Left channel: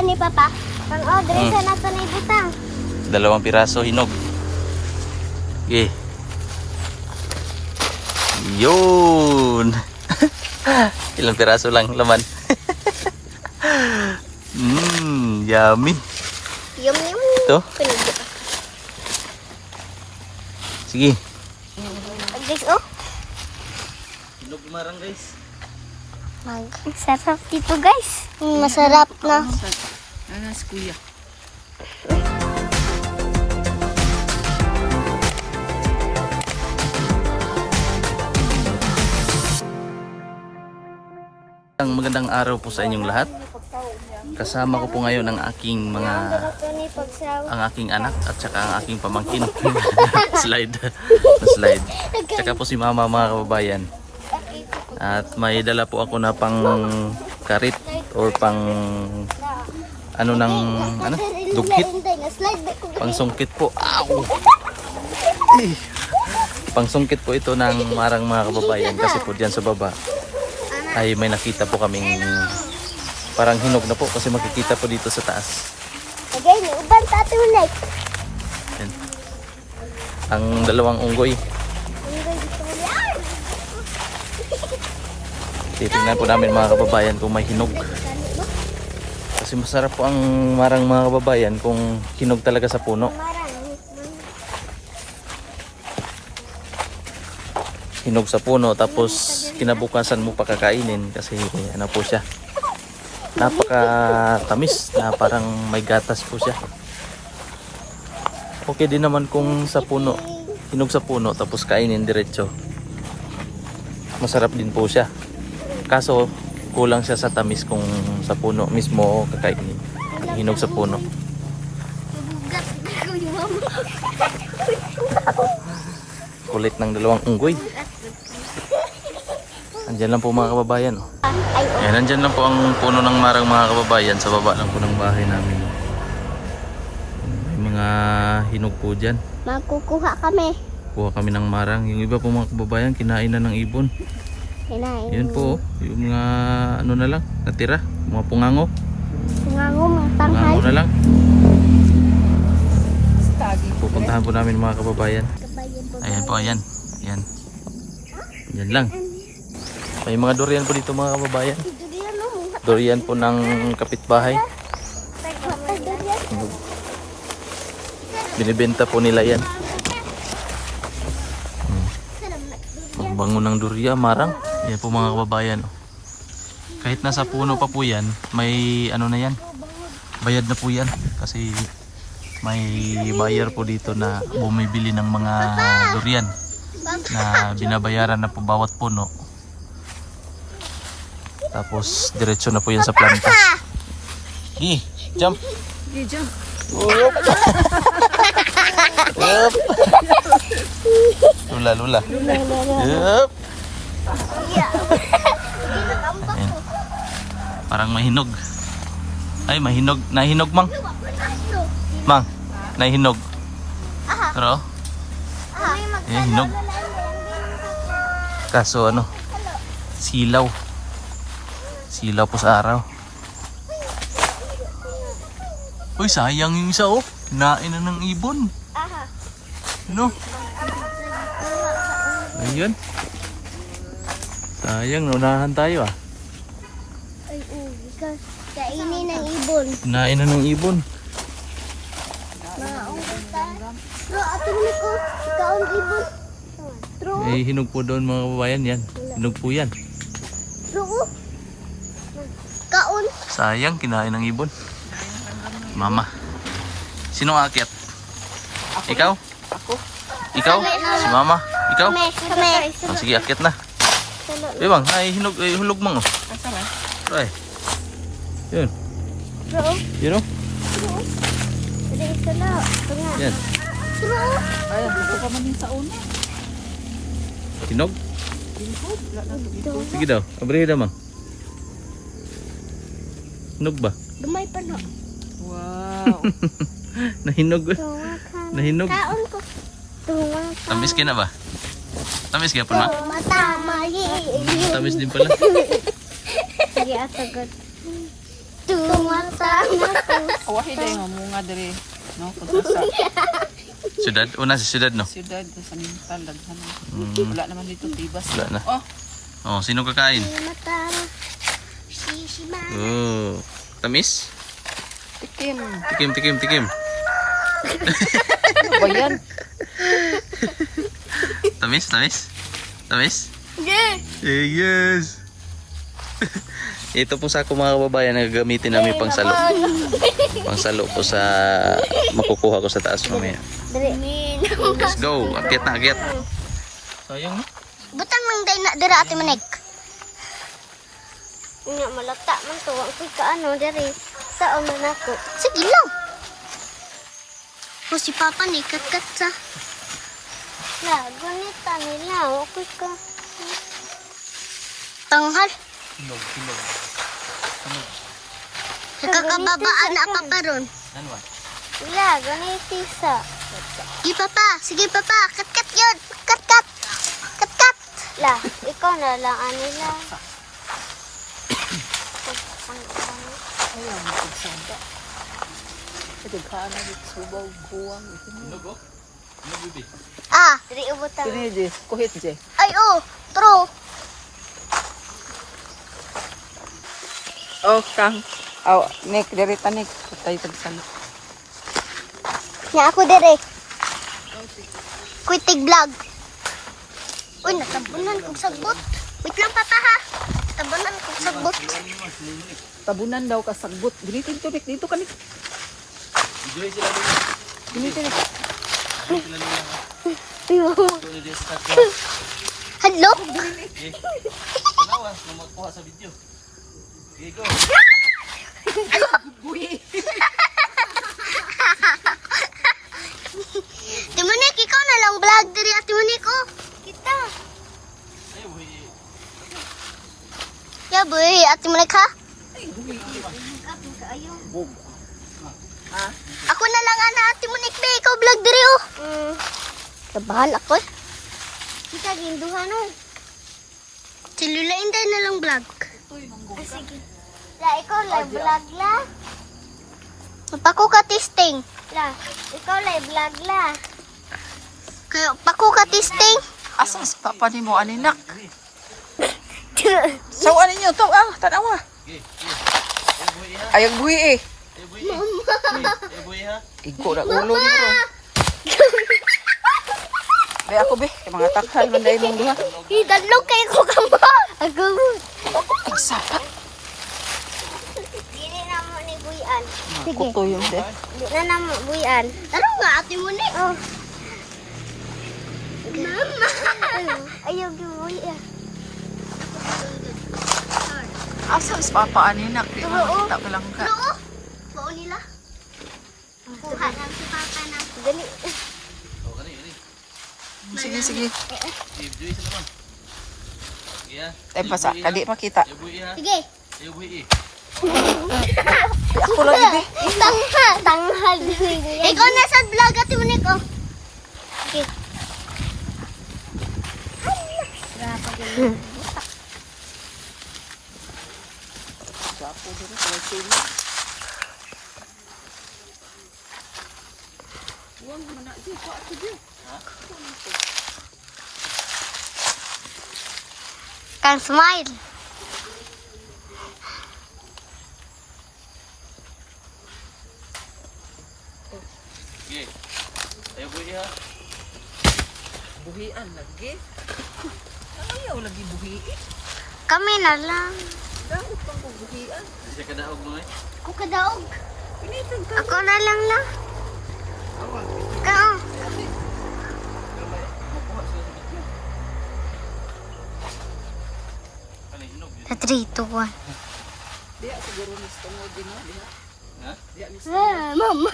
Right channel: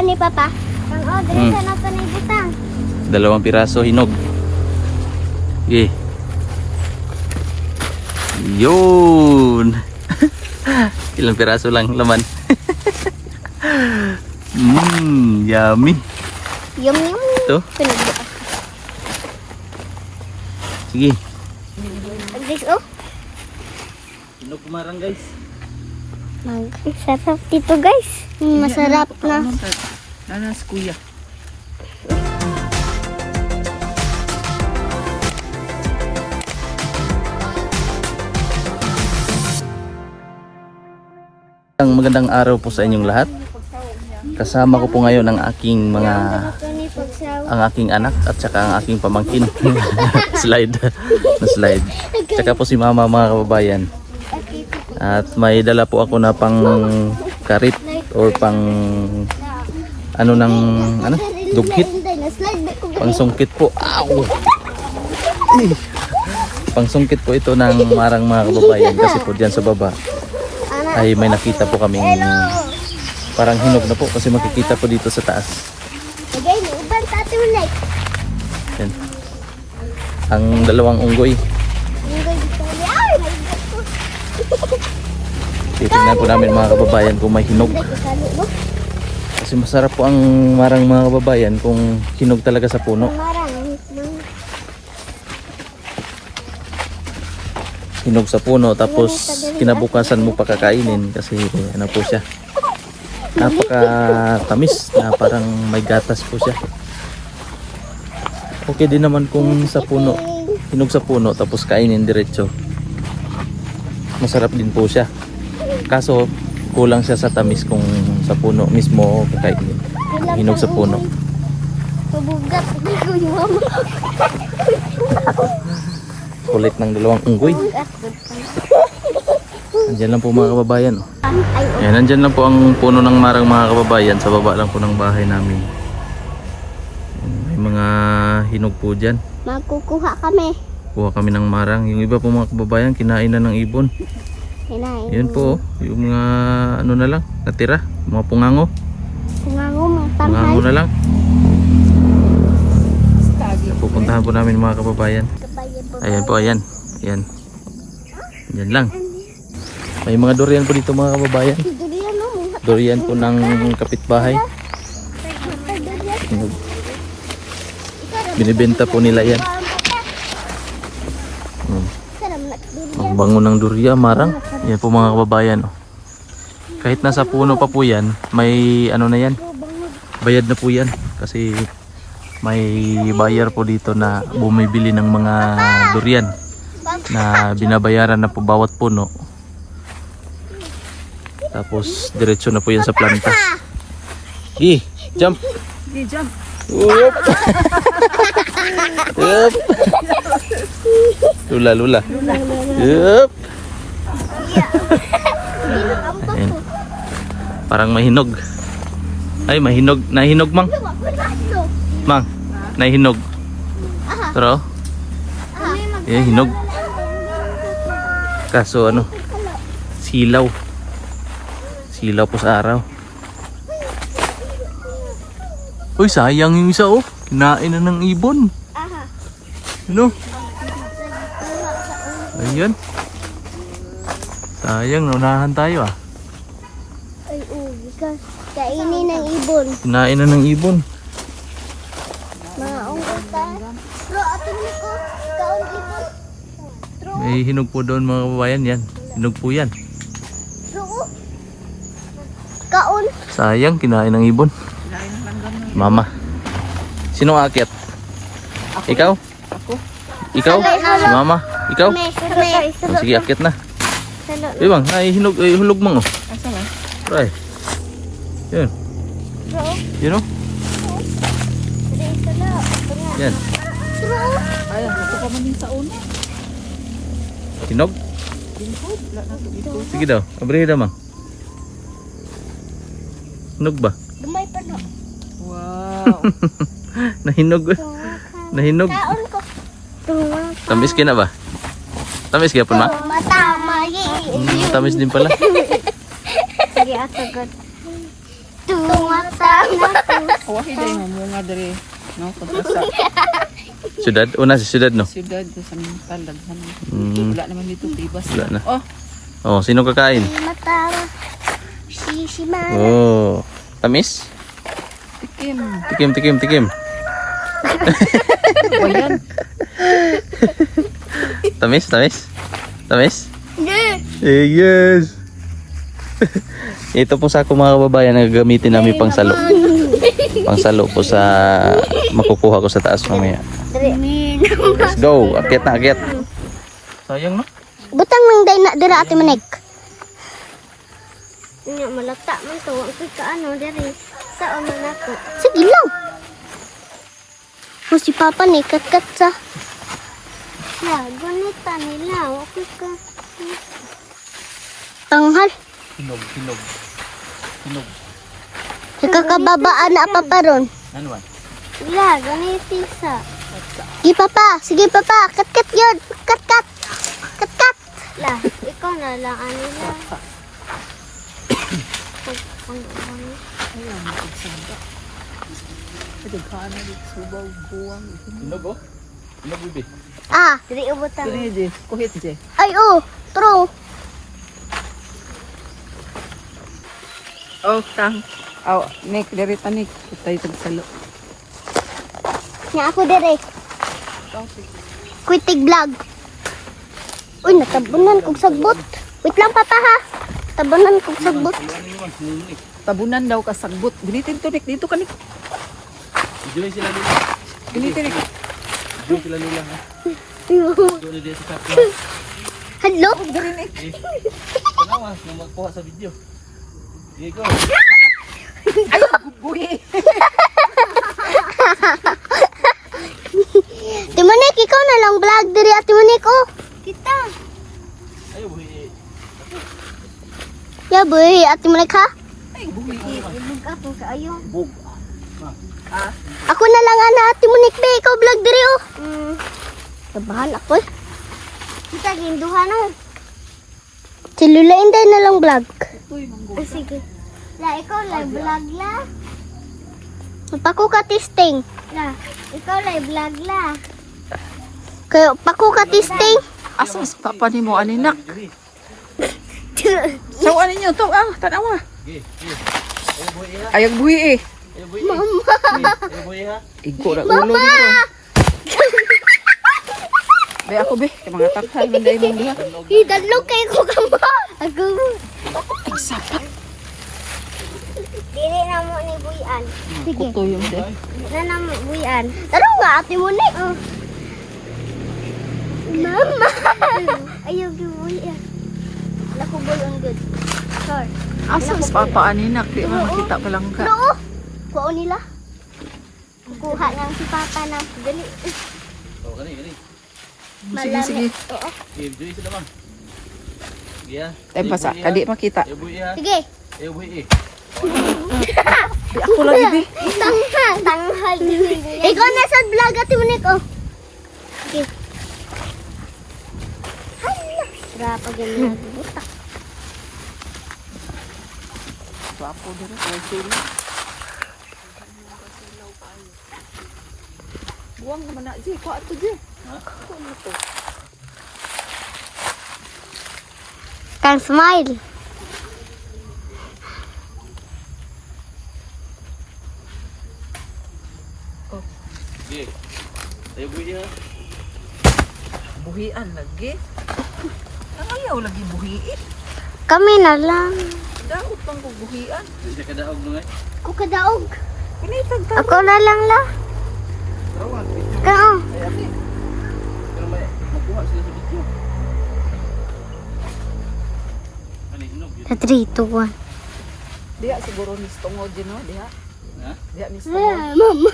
yan ni Papa. Ang order sa nato ni Dita. 2 piraso hinog. Okay. Yun. Ilang piraso lang laman. Yummy. Yum yum. Ito. Sige. Guys, oh. Hinog marang guys. Sarap dito guys. Masarap na. Nanas kuya. Magandang araw po sa inyong lahat. Kasama ko po ngayon ang aking anak at saka ang aking pamangkin. slide. Tsaka po si mama, mga kababayan. At may dala po ako na pang karit or pang dughit. Pang sungkit po. Ow! Pang sungkit po ito ng marang, mga kababayan, kasi po diyan sa baba ay may nakita po kaming parang hinog na po, kasi makikita po dito sa taas. Yan. Ang 2 unggoy. Titingnan po namin, mga kababayan, kung may hinog. Kasi masarap po ang marang, mga kababayan, kung hinog talaga sa puno. Hinog sa puno, tapos kinabukasan mo pakakainin kasi ano po siya, napaka-tamis na parang may gatas po siya. Okay din naman kung sa puno, hinog sa puno tapos kainin diretso, masarap din po siya. Kaso kulang siya sa tamis kung sa puno mismo kakainin, hinog sa puno. Kulit ng 2 unggoy. Andyan lang po, mga kababayan. Ayan, andyan lang po ang puno ng marang, mga kababayan. Sa baba lang po ng bahay namin. May mga hinog po dyan. Magkukuha kami. Kuha kami ng marang. Yung iba po, mga kababayan, kinain na ng ibon. Yan po, yung mga ano na lang, natira. Mga pungango. Mga tanghal. Pungango na lang. Pupuntahan po namin, mga kababayan. Ayan po, ayan. Ayan. Ayan lang. May mga durian po dito, mga kababayan. Durian po ng kapitbahay. Binibenta po nila yan. Ang bango ng durian, marang. Ayan po, mga kababayan. Kahit nasa puno pa po yan, may ano na yan. Bayad na po yan. Kasi may buyer po dito na bumibili ng mga durian na binabayaran na po bawat puno, tapos diretso na po yan sa planta. Jump! Jump! Yup! Lula! Yup! Ayan. Parang mahinog. Ay, mahinog. Nahinog, mang. Mang, nahinog. Pero hinog. Kaso ano, silaw po sa araw. Uy, sayang yung isa, oh. Kinain na ng ibon. Ano? Ayan. Sayang, naunahan tayo, ah. Ay, kainin ng ibon. Kinain na ng ibon. Bro, ato mo ko, kaon ibon. May hinog po doon, mga kababayan, yan. Hinog po yan. Kaon. Sayang, kinain ng ibon. Mama. Sino aakyat? Ako. Ikaw? Ako. Ikaw? Si mama? Ikaw? Kame. Oh, sige, akyat na. Bang, ay hinog, hulog mang, oh. Asa man? Try. Yan. Yan, oh. Yan. Ay, ako pa man din sa una. Hinog? Hinog, wala na ito. Sige daw, abrihin daw, mang. Hinog ba? Dumay pa no. Wow. Nahinog. Nahinog. Kaon ko. Tamis ka na ba? Tamis ka po, ma? Matamay. Tamis din pala. Sige, atagad. Tumatang. Awahi dahil mamunga diri. No, kontra sa Syudad? Una sa syudad, no? siyudad sa mental daghan. Mm. Wala naman dito bibas. Wala na. Oh, Oh, sino kakain? Mata. Si Mara. Oh. Tamis? tikim. Tikim. O yan. Tamis? Yeah. Yes! Ito po sa ako mga kababayan na gagamitin namin pang salo. Pang salo po sa makukuha ko sa taas mamaya. Let's go! Akyat na, akyat! Sayang, no? Butang nang day na dira ate manik. Nya malata man to ang ka ano diri. Sa ano na to. Sige lang. O si Papa ni kat sa. Na, ganita nila. Okay ko. Tanghal. Hinog. Kakababaan na pa ron. Ano ba? Wala, ganito sa. Sige papa, kat yun. Kat. La, ikaw na lang ano lang. Hinog, oh? Hinog, bibi. Ah, diri ubutan. Diri di, kuhit di. Ay, oh, true. Oh, kang. Oh, nek diri tanik. Tay tagsalo. Nga ako diri. Quitig vlog. Uy, natabunan kong sagbot. Wait lang papa ha. Tabunan kong sagbot. Tabunan daw ka sagbot. Gunitin tanik dito kanik. Enjoy sila nila. Gunitin. Enjoy sila nila, ha? Doon na dia sa takin. Hello? Eh, tanawa na magkuha sa video. Okay, go. Buhi. Timonek, ikaw na lang vlog diri at Timonek, oh. Kita. Ayaw, buhi. Ya, boy, at Timonek ha? Bug. Ako na lang ana at Timonek, be. Ikaw vlog diri, oh. Kabahan ako, eh. Kita ginduhan, oh. Si Lula Inday na lang vlog. Sige. La, ikaw lang vlog la. Pako ka testing. La, ikaw lang vlog la. Kayo, pako ka testing. Asa si papa ni mo aninak? So ano niyo to? Ah, tanawa. Okay, okay. Ayaw, buhi, ha? Ayag buhi eh. Ayaw, buhi. Ayaw, buhi, ha? Igo na ulo niyo ron. Be ako be, kay mga takhal man dai mong diha. Hidadlog kayo ko kamba. Ako. Ang sapat. Dili na mo ni Buyan. Kuto yun de. Dili na mo Buyan. Taro nga ate mo ni. Mama. Ayaw di Buyan. Ako bulong good. Sorry. Asa si papa aninak di man makita palangka. Oo. Kuha nila. Kuha lang si Papa na. Dali. Oh, kani. Sige. Okay, enjoy sila, ma. Yeah. Tay pasa kadi makita. Ayaw, buhi, ha? Sige. Ayaw, buhi, eh. Ako lagi be. Tanghal. Ikaw na sa vlog ate mo Nick, oh. Okay. Grabe ganyan. Butak. Buang naman na di ko ato di. Kan smile. Okay. Ayaw, buhi, ha? Buhian lagi. Ayaw lagi buhi. Kami na lang. Daot pang buhian. Di sa kadaog, mga. Ako kadaog. Pinitag ka. Ako na lang la. Tawag. Kao. Pero may magkuha sila sa video. Ano, hinog, yun. Sa 3, 2, 1. Diha siguro ni tungod din no diha. Ha? Diha ni tungod. Mama.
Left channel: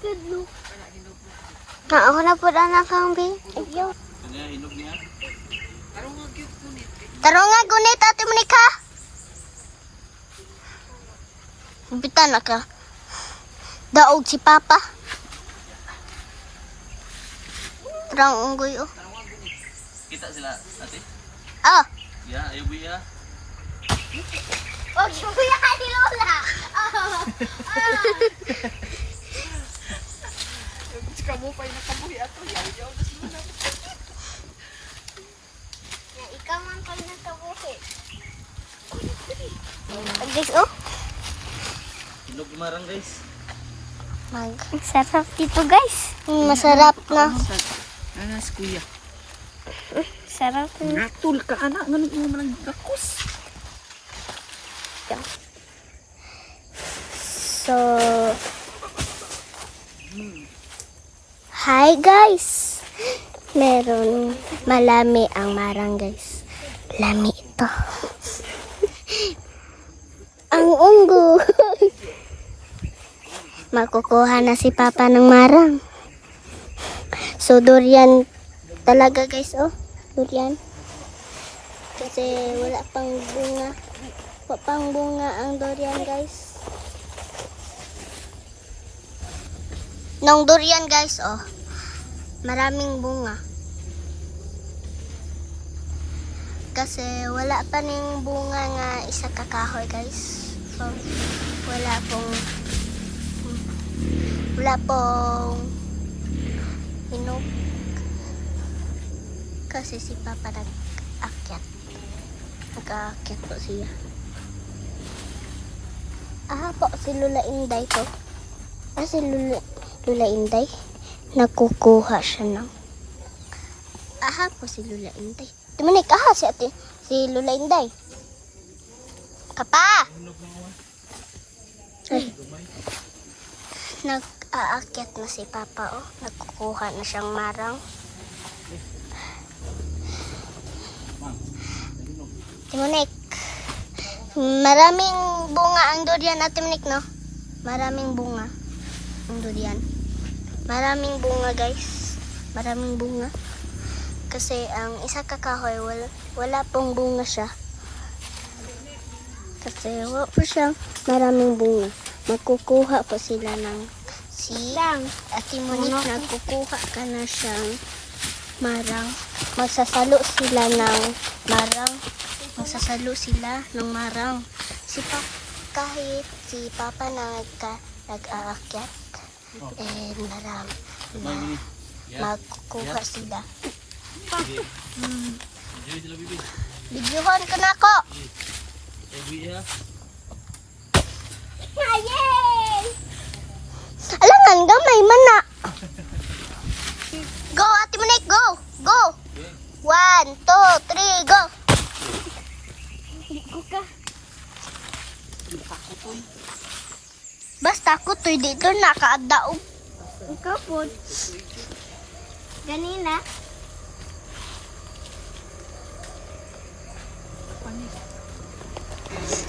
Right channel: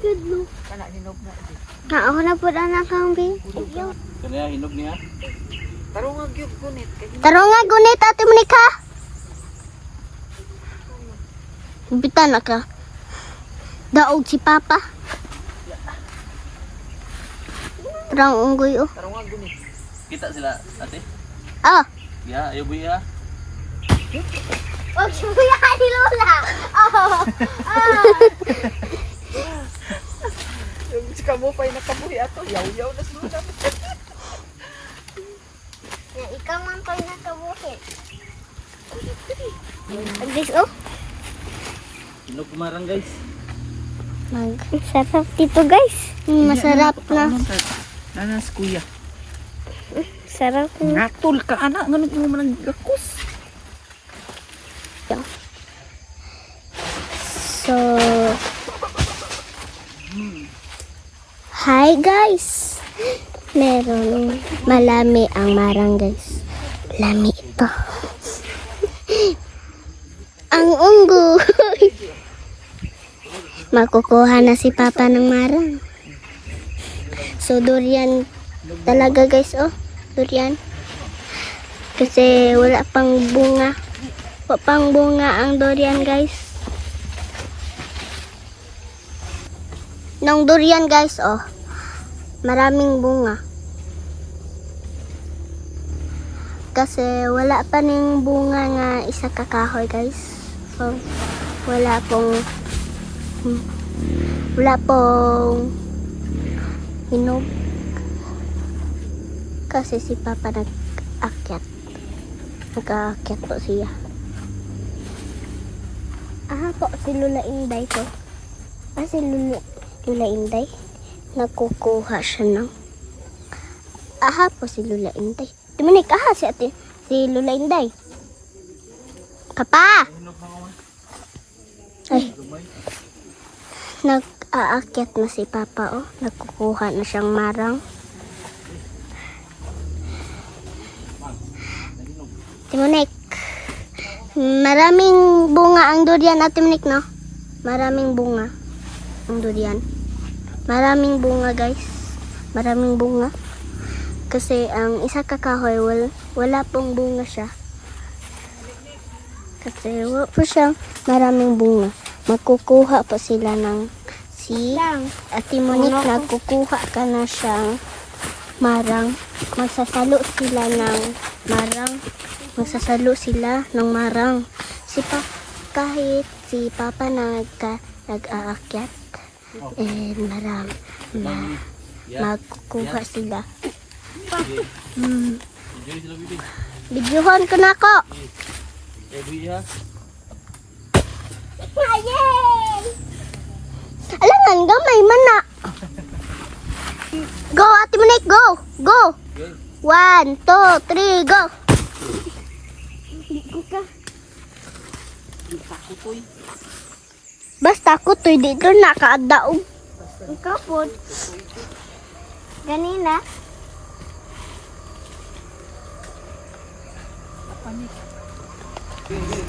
Tudlo. Kana hinog na di. Ako na po anak kang bi. Kanya, hinog niya. Tarong nga gyud kunit kay Taro nga gunit ate mo Nick ha. Bitan na ka. Daog si Papa. Tarang unggoy, oh. tarong nga gunit. Kita sila, ate. Ah. Ya, ayaw, buhi, ha? Huwag siya ni Lola. Yung kamupay na kabuhi ato, yaw-yaw na sila. Ikaw man pag nakabuhi. Guys, oh. Hinog marang guys. Sarap dito guys. Masarap na. Nanas kuya. Sarap na. Natul ka anak, ganun mo man gakos. So, hi guys. Meron malami ang marang guys. Lami ito. Ang unggoy. Makukuha na si Papa ng marang. So, durian talaga guys, oh. Durian. Kasi wala pang bunga. Wala pang bunga ang durian guys. Nung durian guys, oh. Maraming bunga. Kasi wala pa ning bunga nga isa kakahoy guys. So, wala pong hinog. Kasi si Papa nag-akyat. Nag-aakyat po siya. Po, si Lula Inday to. Si Lula Inday. Nakukuha siya ng... po, si Lula Inday. Tumunik, si Lula Inday. Kapa! Ay. Nag-aakyat na si Papa, oh. Nagkukuha na siyang marang. Timonik. Maraming bunga ang durian at Timonik, no? Maraming bunga ang durian. Maraming bunga, guys. Maraming bunga. Kasi ang isa kakahoy, wala pong bunga siya. Kasi wala po siya maraming bunga. Magkukuha pa sila ng silang. At Timonik, nagkukuha ka na siyang marang. Magsasalo sila ng marang. Magsasalo sila ng marang. Kahit si Papa nag-aakyat, marang magkukuha sila. Videohan ko na ako. Yay! Alangan, gamay man na. Go, Ate Monik, go! Go! 1, 2, 3, go! Basta ako to'y dito nakaadaog. Ikaw po. Ganina.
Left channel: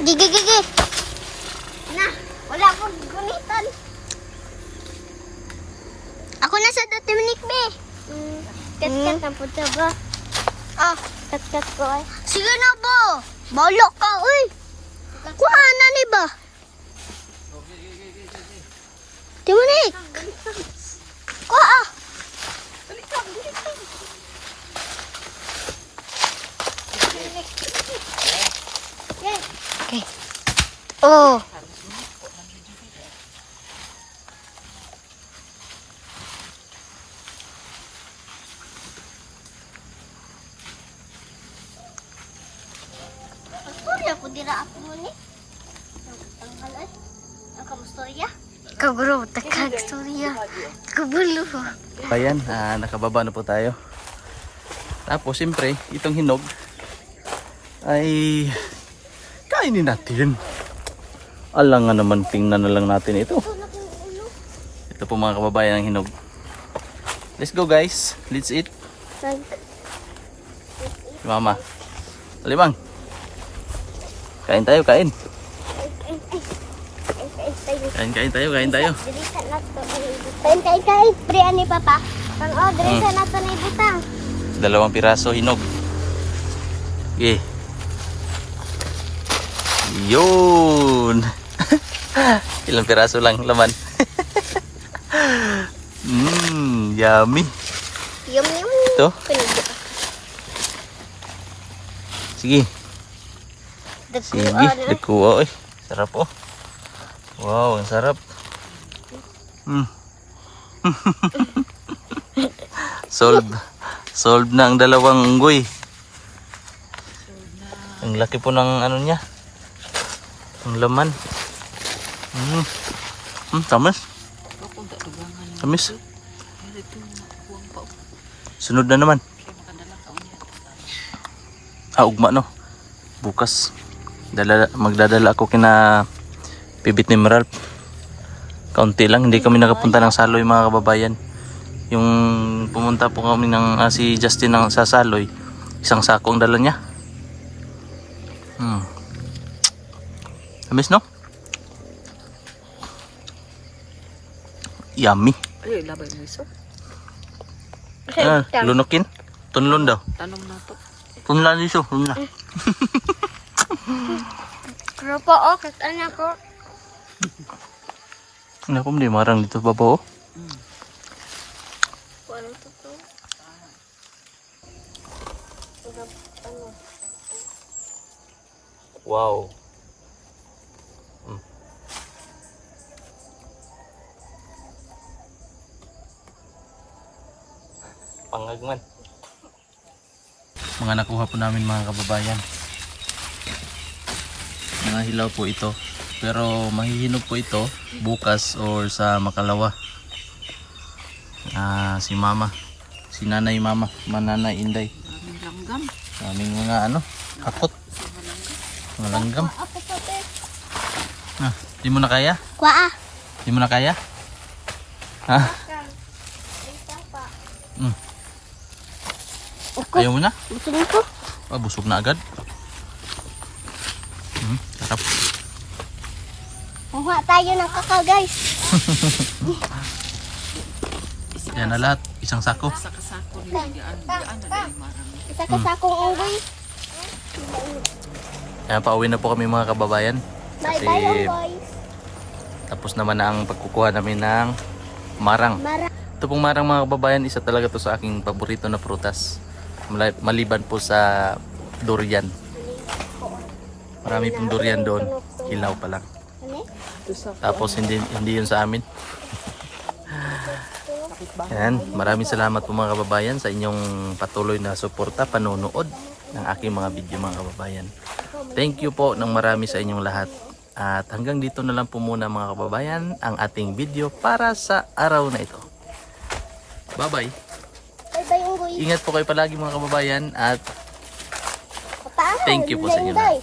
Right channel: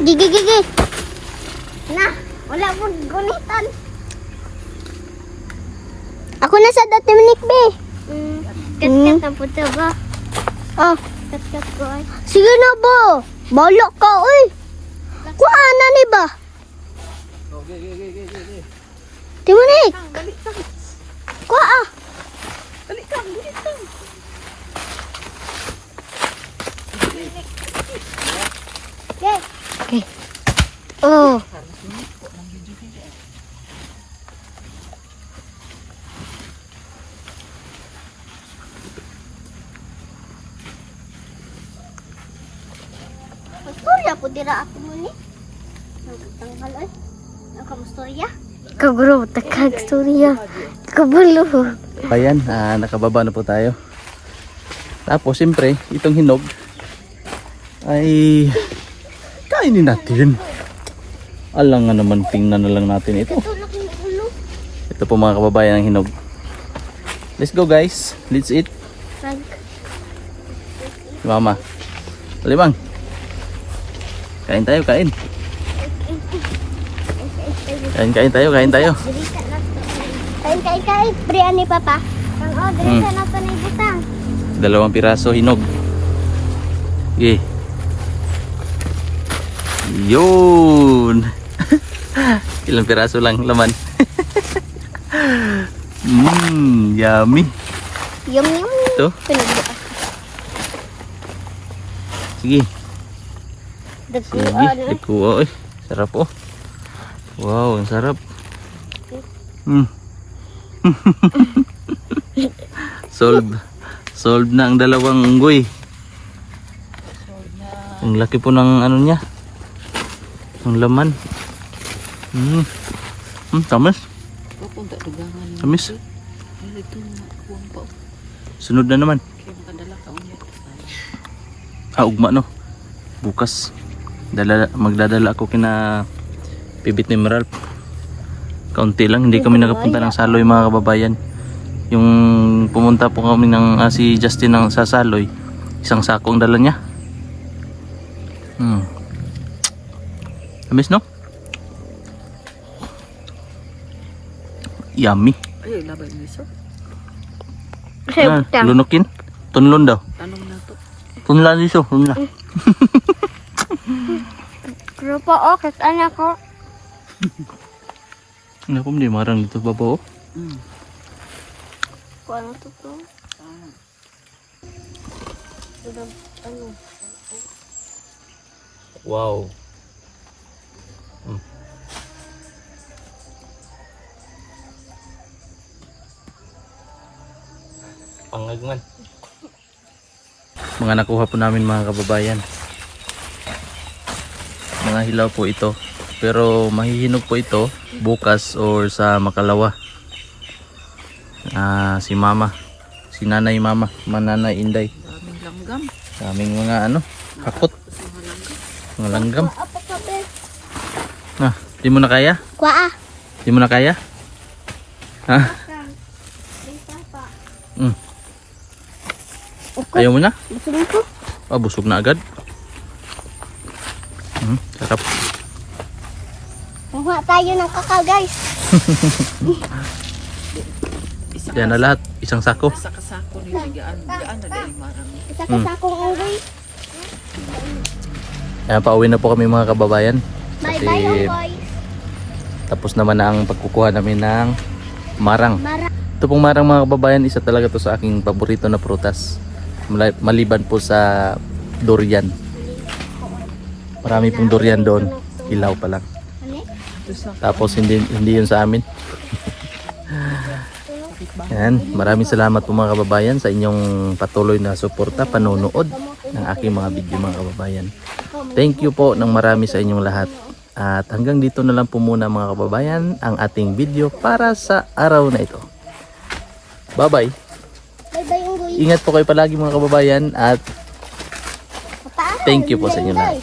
Gigi. Na, wala po gunitan. Ako na sa dati Monik, be. Kat-kat na po ito ba? Oh. Kat-kat ko ay. Sige na ba? Balok ka, uy. Kuha na ni ba? Timonik. Kuha. Balik ka. Okay. Oh. Pastorya po dira ako mo ni. Tanggal ay. Ang kamustorya? Kabro, takag storya. Kabulo. Ayan, nakababa na po tayo. Tapos siyempre, itong hinog ay kainin natin. Alangan naman, tingnan na lang natin ito. Ito po mga kababayan ng hinog. Let's go guys, let's eat. Mama, Alimang. Kain tayo, kain. Kain tayo. Kain. Brian ni Papa. Dirisa na to ni Ditang. 2 piraso hinog. Okay. Yun. Ilang piraso lang laman. Yummy. Yum. Ito. Sige. Sige, dagkuha eh. Sarap oh. Wow, ang sarap. Solve na ang dalawang unggoy. Ang laki po ng ano niya. Ang laman. Tamis. Papunta dugangan. Tamis. Ito na kuwang pa. Sunod na naman. Kaya makadala ka unya. Ugma no. Bukas magdadala ako kina Pibit ni Meralp. Kaunti lang, hindi kami nakapunta ng Saloy mga kababayan. Yung pumunta po kami ng si Justin sa Saloy, isang sako ang dala niya. Tamis no? Yummy. Ay, labay mo iso. Lunukin. Tunlon daw. Tanong mo to. Tunlan iso. Tunlan. Pero po, kitaan ako. Ano po, hindi marang dito baba oh. Walang tuto. Wow. Pangagman. Mga nakuha po namin mga kababayan. Mga hilaw po ito. Pero mahihinog po ito bukas or sa Makalawa. Si Mama. Si Nanay Mama. Mananay Inday. Daming langgam. Daming mga ano. Hakot. Mga langgam. Di mo na kaya? Kwa Di mo na kaya? Ha? Ayaw mo na? Gusto mo ko? Busog na agad. Sarap. Kuha tayo ng kakao guys. Yan na lahat. Isang sako. Sa kasako ni Gaan. Gaan na dahil marang. Isa ka sa akong unggoy. Ayan, pauwi na po kami mga kababayan. Kasi Bye-bye boys. tapos naman na ang pagkukuha namin ng marang. Ito pong marang mga kababayan, isa talaga to sa aking paborito na prutas. Maliban po sa durian. Marami pong durian doon. Hilaw pa lang. Tapos hindi yun sa amin. Yan, maraming salamat po mga kababayan sa inyong patuloy na suporta, panonood ng aking mga video mga kababayan. Thank you po ng marami sa inyong lahat. At hanggang dito na lang po muna mga kababayan ang ating video para sa araw na ito. Bye-bye. Bye-bye unggoy. Ingat po kayo palagi mga kababayan at thank you po sa inyo lahat.